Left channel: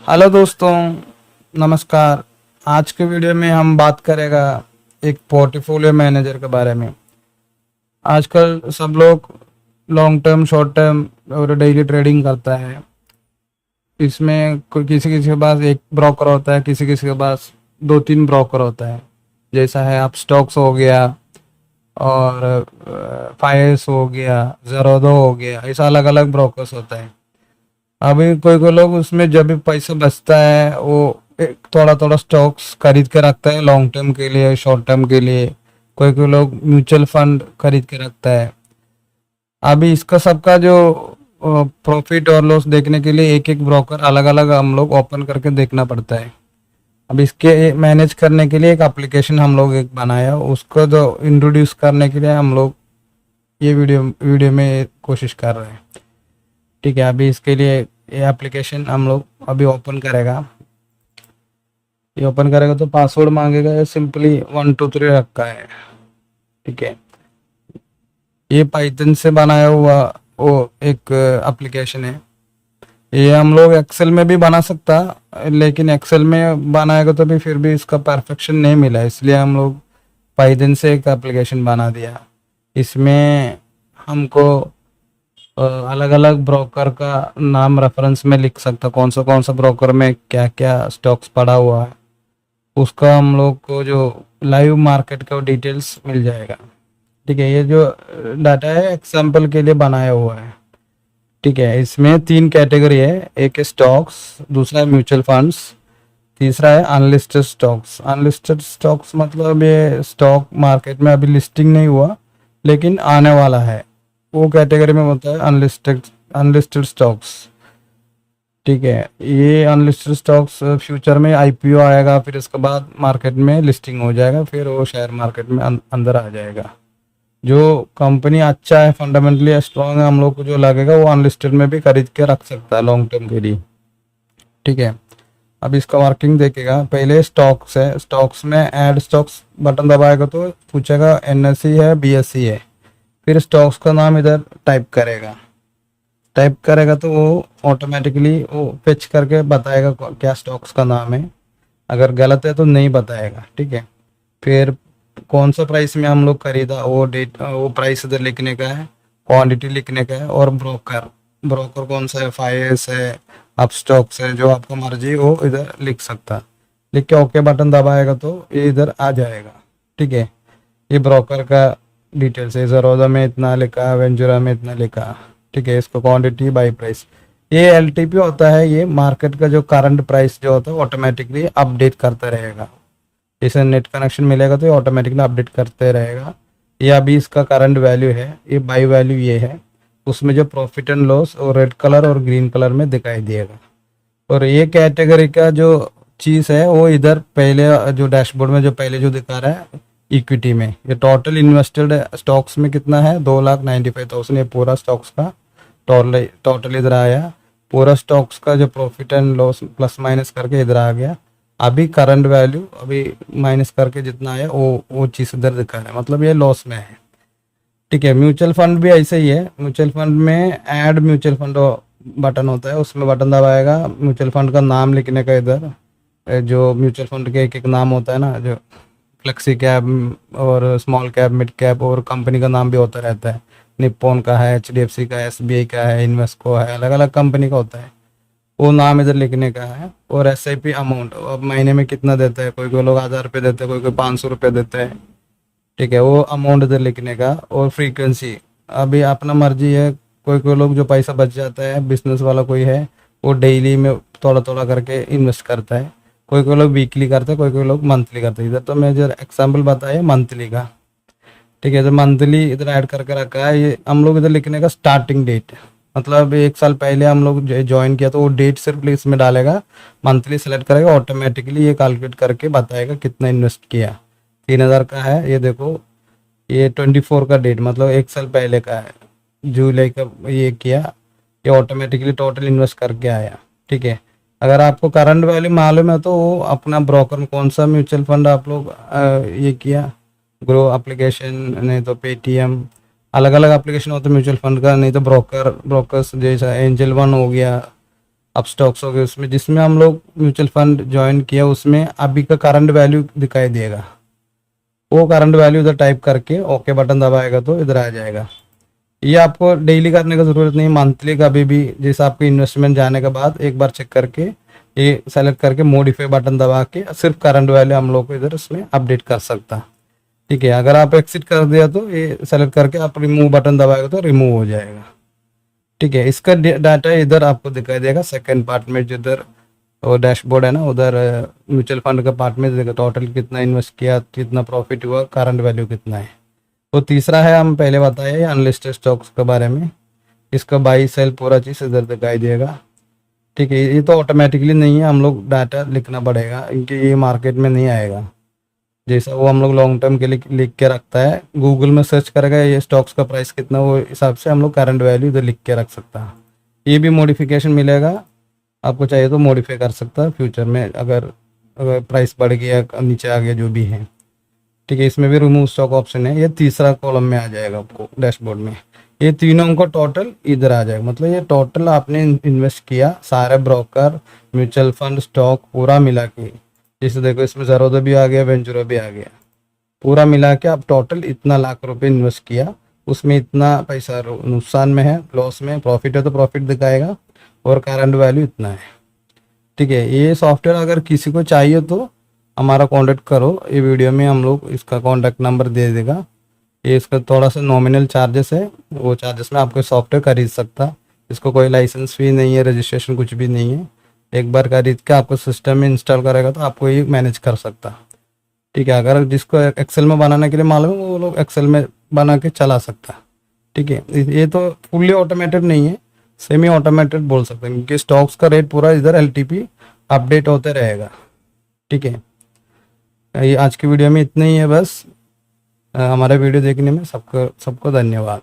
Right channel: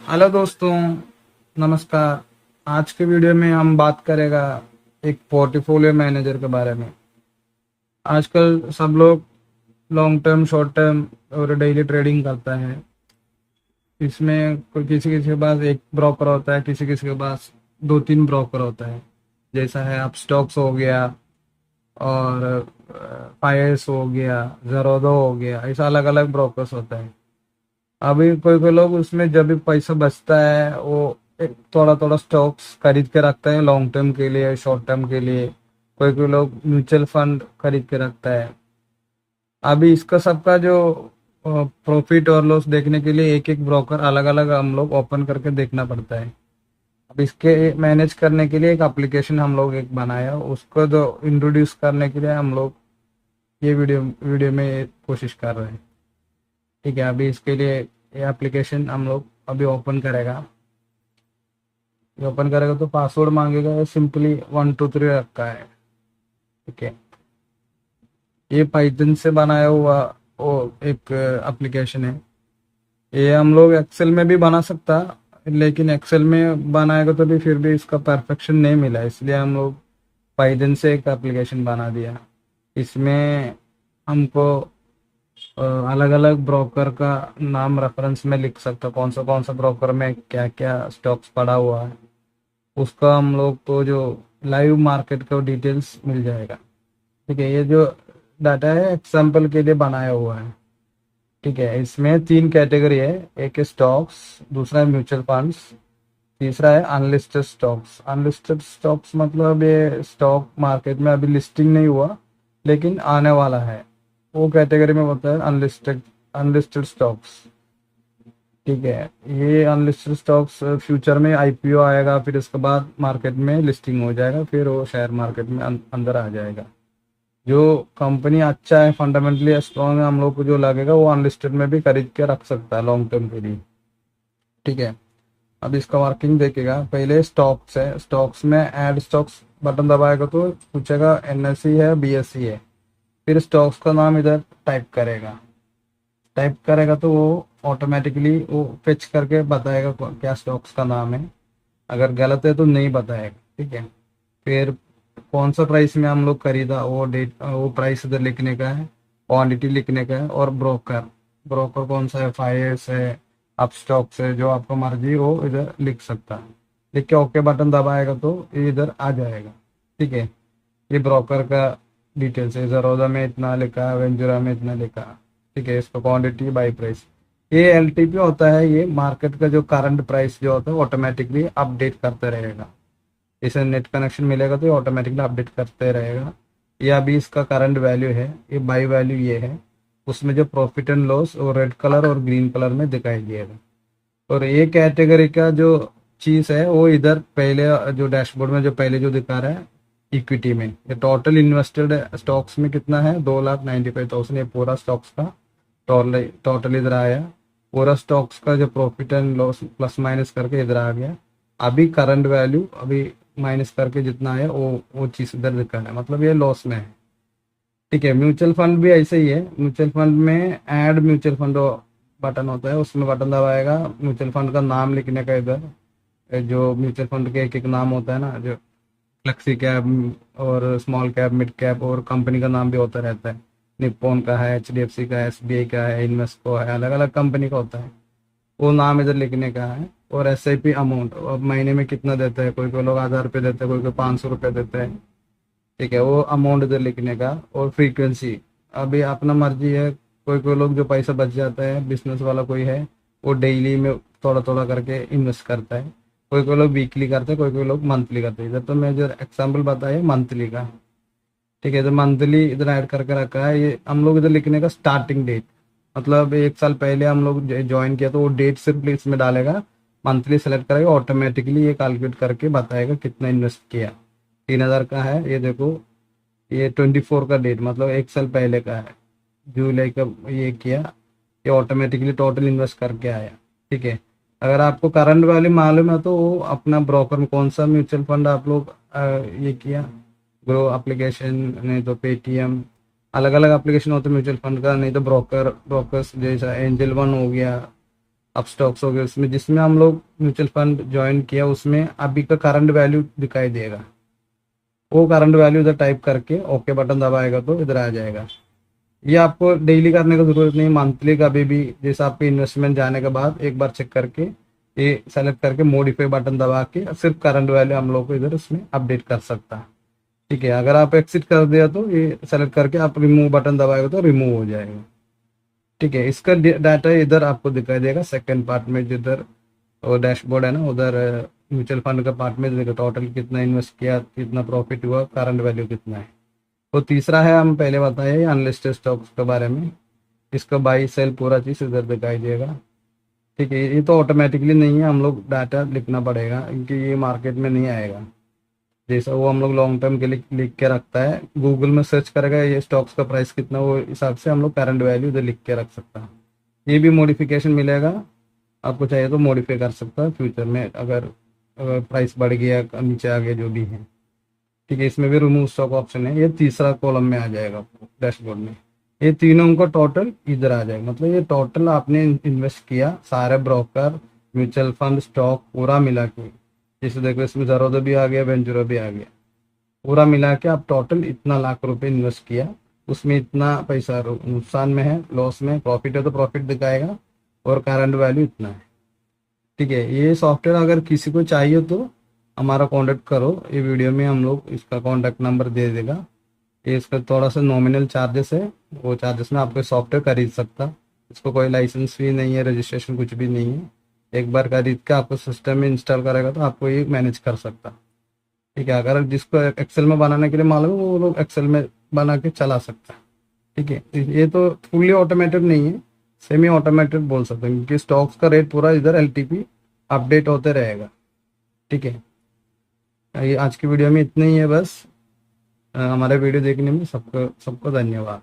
Hello दोस्तों, नमस्कार। आज के वीडियो में हम बात करेगा एक पोर्टफोलियो मैनेजर के बारे में। आजकल सब लोग लॉन्ग टर्म, शॉर्ट टर्म और डेली ट्रेडिंग करता है। इसमें कोई किसी किसी के पास एक ब्रोकर होता है, किसी किसी के पास दो तीन ब्रोकर होता है। जैसा है आप स्टॉक्स हो गया और फाइल्स हो गया, ज़ेरोधो हो गया, ऐसा अलग अलग ब्रोकर्स होता है। अभी कोई कोई लोग उसमें जब भी पैसा बचता है वो एक थोड़ा थोड़ा स्टॉक्स खरीद के रखता है लॉन्ग टर्म के लिए, शॉर्ट टर्म के लिए। कोई कोई लोग म्यूचुअल फंड खरीद के रखता है। अभी इसका सबका जो प्रॉफिट और लॉस देखने के लिए एक एक ब्रोकर अलग अलग हम लोग ओपन करके देखना पड़ता है। अब इसके मैनेज करने के लिए एक एप्लीकेशन हम लोग एक बनाया, उसको जो इंट्रोड्यूस करने के लिए हम लोग ये वीडियो वीडियो में कोशिश कर रहे हैं। ठीक है, अभी इसके लिए ये एप्लीकेशन हम लोग अभी ओपन करेगा। ये ओपन करेगा तो पासवर्ड मांगेगा, सिंपली 1 2 3 रखा है। ठीक है, ये पाइथन से बनाया हुआ वो एक एप्लीकेशन है। ये हम लोग एक्सेल में भी बना सकता, लेकिन एक्सेल में बनाएगा तो भी फिर भी इसका परफेक्शन नहीं मिला, इसलिए हम लोग पाइथन से एक एप्लीकेशन बना दिया। इसमें हमको अलग अलग ब्रोकर का नाम रेफरेंस में लिख सकता, कौन सा ब्रोकर में क्या क्या स्टॉक्स पड़ा हुआ है, उसका हम लोग को जो लाइव मार्केट का डिटेल्स मिल जाएगा। ठीक है, ये जो डाटा है एग्जाम्पल के लिए बनाया हुआ है। ठीक है, इसमें 3 कैटेगरी है, एक है स्टॉक्स, दूसरा है म्यूचुअल फंड्स, तीसरा है अनलिस्टेड स्टॉक्स। अनलिस्टेड स्टॉक्स मतलब ये स्टॉक मार्केट में अभी लिस्टिंग नहीं हुआ लेकिन आने वाला है, वो कैटेगरी में होता है अनलिस्टेड अनलिस्टेड स्टॉक्स। ठीक है, ये अनलिस्टेड स्टॉक्स फ्यूचर में आईपीओ आएगा, फिर इसके बाद मार्केट में लिस्टिंग हो जाएगा, फिर वो शेयर मार्केट में अंदर आ जाएगा। जो कंपनी अच्छा है, फंडामेंटली स्ट्रांग है, हम लोग को जो लगेगा वो अनलिस्टेड में भी खरीद के रख सकता है लॉन्ग टर्म के लिए। ठीक है, अब इसका वर्किंग देखेगा। पहले स्टॉक्स है, स्टॉक्स में ऐड स्टॉक्स बटन दबाएगा तो पूछेगा एनएससी है, बीएससी है। फिर स्टॉक्स का नाम इधर टाइप करेगा तो वो ऑटोमेटिकली वो फेच करके बताएगा क्या स्टॉक्स का नाम है। अगर गलत है तो नहीं बताएगा। ठीक है, फिर कौन सा प्राइस में हम लोग खरीदा वो डेट, वो प्राइस इधर लिखने का है, क्वांटिटी लिखने का है, और ब्रोकर ब्रोकर कौन सा है, फाइएस है, अप स्टॉक्स है, जो आपको मर्जी वो इधर लिख सकता है। लिख के ओके बटन दबाएगा तो ये इधर आ जाएगा। ठीक है, ये ब्रोकर का डिटेल्स है, ज़रोदा में इतना लिखा, वेंचुरा में इतना लिखा। ठीक है, इसको क्वांटिटी बाई प्राइस, ये एलटीपी होता है। ये मार्केट का जो करंट प्राइस जो होता है ऑटोमेटिकली अपडेट करता रहेगा। जैसे नेट कनेक्शन मिलेगा तो ये ऑटोमेटिकली अपडेट करते रहेगा। ये अभी इसका करंट वैल्यू है, ये बाई वैल्यू ये है। उसमें जो प्रॉफिट एंड लॉस और रेड कलर और ग्रीन कलर में दिखाई देगा। और ये कैटेगरी का जो चीज़ है वो इधर पहले जो डैशबोर्ड में जो पहले जो दिखा रहा है इक्विटी में, ये टोटल इन्वेस्टेड स्टॉक्स में कितना है, 2,95,000। ये पूरा स्टॉक्स का टोटल इधर आया। पूरा स्टॉक्स का जो profit and loss plus minus करके इधर आ गया। अभी करंट वैल्यू अभी माइनस करके जितना है वो चीज़ इधर दिखा रहा है, मतलब ये लॉस में है। ठीक है, म्यूचुअल फंड भी ऐसे ही है। म्यूचुअल फंड में ऐड म्यूचुअल फंड बटन होता है, उसमें बटन दबाएगा, म्यूचुअल फंड का नाम लिखने का इधर, जो म्यूचुअल फंड के एक एक नाम होता है ना, जो फ्लेक्सी कैप और स्मॉल कैप, मिड कैप, और कंपनी का नाम भी होता रहता है। निप्पॉन का है, एचडीएफसी का है, एसबीआई का है, इन्वेस्को है, अलग अलग कंपनी का होता है। वो नाम इधर लिखने का है। और एसआईपी अमाउंट, अब महीने में कितना देता है, कोई कोई लोग 1,000 रुपये देते हैं, कोई कोई 500 रुपये देते हैं। ठीक है, वो अमाउंट इधर लिखने का। और फ्रीक्वेंसी अभी अपना मर्जी है, कोई कोई लोग जो पैसा बच जाता है, बिजनेस वाला कोई है, वो डेली में थोड़ा थोड़ा करके इन्वेस्ट करता है। कोई कोई लोग वीकली करते हैं, कोई कोई लोग मंथली करते हैं। इधर तो मैं जो एग्जाम्पल बताया मंथली का। ठीक है, तो मंथली इधर ऐड करके रखा है। ये हम लोग इधर लिखने का स्टार्टिंग डेट, मतलब 1 साल पहले हम लोग ज्वाइन किया तो वो डेट सिर्फ इसमें डालेगा, मंथली सेलेक्ट करेगा, ऑटोमेटिकली ये कैलकुलेट करके बताएगा कितना इन्वेस्ट किया। 3,000 का है, ये देखो, ये 24 का डेट, मतलब 1 साल पहले का है, जुलाई का ये किया, ये ऑटोमेटिकली टोटल इन्वेस्ट करके आया। ठीक है, अगर आपको करंट वैल्यू मालूम है तो वो अपना ब्रोकर में कौन सा म्यूचुअल फंड आप लोग ये किया, ग्रो एप्लीकेशन, नहीं तो पेटीएम, अलग अलग एप्लीकेशन होता है म्यूचुअल फंड का, नहीं तो ब्रोकर्स जैसा एंजल वन हो गया, अब स्टॉक्स हो गए उसमें जिसमें हम लोग म्यूचुअल फंड ज्वाइन किया उसमें अभी का करंट वैल्यू दिखाई देगा। वो करंट वैल्यू इधर टाइप करके ओके बटन दबाएगा तो इधर आ जाएगा। ये आपको डेली करने की ज़रूरत नहीं, मंथली कभी भी जैसे आपके इन्वेस्टमेंट जाने के बाद एक बार चेक करके ये सेलेक्ट करके मॉडिफाई बटन दबा के सिर्फ करंट वैल्यू हम लोग को इधर इसमें अपडेट कर सकता। ठीक है, अगर आप एक्सिट कर दिया तो ये सेलेक्ट करके आप रिमूव बटन दबाएगा तो रिमूव हो जाएगा। ठीक है, इसका डाटा इधर आपको दिखाई देगा सेकंड पार्ट में, जिधर वो डैशबोर्ड है ना, उधर म्यूचुअल फंड के पार्ट में देखो टोटल कितना इन्वेस्ट किया, कितना प्रॉफिट हुआ, करंट वैल्यू कितना है। तो तीसरा है, हम पहले बताए अनलिस्टेड स्टॉक्स के बारे में, इसका बाई सेल पूरा चीज़ इधर दिखाई देगा। ठीक है, ये तो ऑटोमेटिकली नहीं है, हम लोग डाटा लिखना पड़ेगा क्योंकि ये मार्केट में नहीं आएगा। जैसा वो हम लोग लॉन्ग टर्म के लिए लिख के रखता है, गूगल में सर्च करेगा ये स्टॉक्स का प्राइस कितना, वो हिसाब से हम लोग करंट वैल्यू इधर लिख के रख सकता है। ये भी मॉडिफिकेशन मिलेगा, आपको चाहिए तो मॉडिफाई कर सकता है फ्यूचर में, अगर प्राइस बढ़ गया नीचे आ गया जो भी है। ठीक है, इसमें भी रिमूव स्टॉक ऑप्शन है, ये तीसरा कॉलम में आ जाएगा आपको डैशबोर्ड में। ये तीनों का टोटल इधर आ जाएगा, मतलब ये टोटल आपने इन्वेस्ट किया सारे ब्रोकर म्यूचुअल फंड स्टॉक पूरा मिला के, जैसे देखो इसमें ज़रोदा भी आ गया, वेंचुरा भी आ गया, पूरा मिला के आप टोटल इतना लाख रुपए इन्वेस्ट किया, उसमें इतना पैसा नुकसान में है, लॉस में, प्रॉफिट है तो प्रॉफिट दिखाएगा, और करंट वैल्यू इतना है। ठीक है, ये सॉफ्टवेयर अगर किसी को चाहिए तो हमारा कांटेक्ट करो, ये वीडियो में हम लोग इसका कांटेक्ट नंबर दे देगा। ये इसका थोड़ा सा नॉमिनल चार्जेस है, वो चार्जेस में आपको सॉफ्टवेयर खरीद सकता। इसको कोई लाइसेंस फी नहीं है, रजिस्ट्रेशन कुछ भी नहीं है, एक बार खरीद के आपको सिस्टम में इंस्टॉल करेगा तो आपको ये मैनेज कर सकता। ठीक है, अगर जिसको एक्सेल में बनाने के लिए मालूम है वो लोग एक्सेल में बना के चला सकता। ठीक है, ये तो फुल्ली ऑटोमेटेड नहीं है, सेमी ऑटोमेटेड बोल सकते हैं, क्योंकि स्टॉक्स का रेट पूरा इधर एलटीपी अपडेट होते रहेगा। ठीक है, ये आज की वीडियो में इतना ही है बस। हमारा वीडियो देखने में सबको सबको धन्यवाद।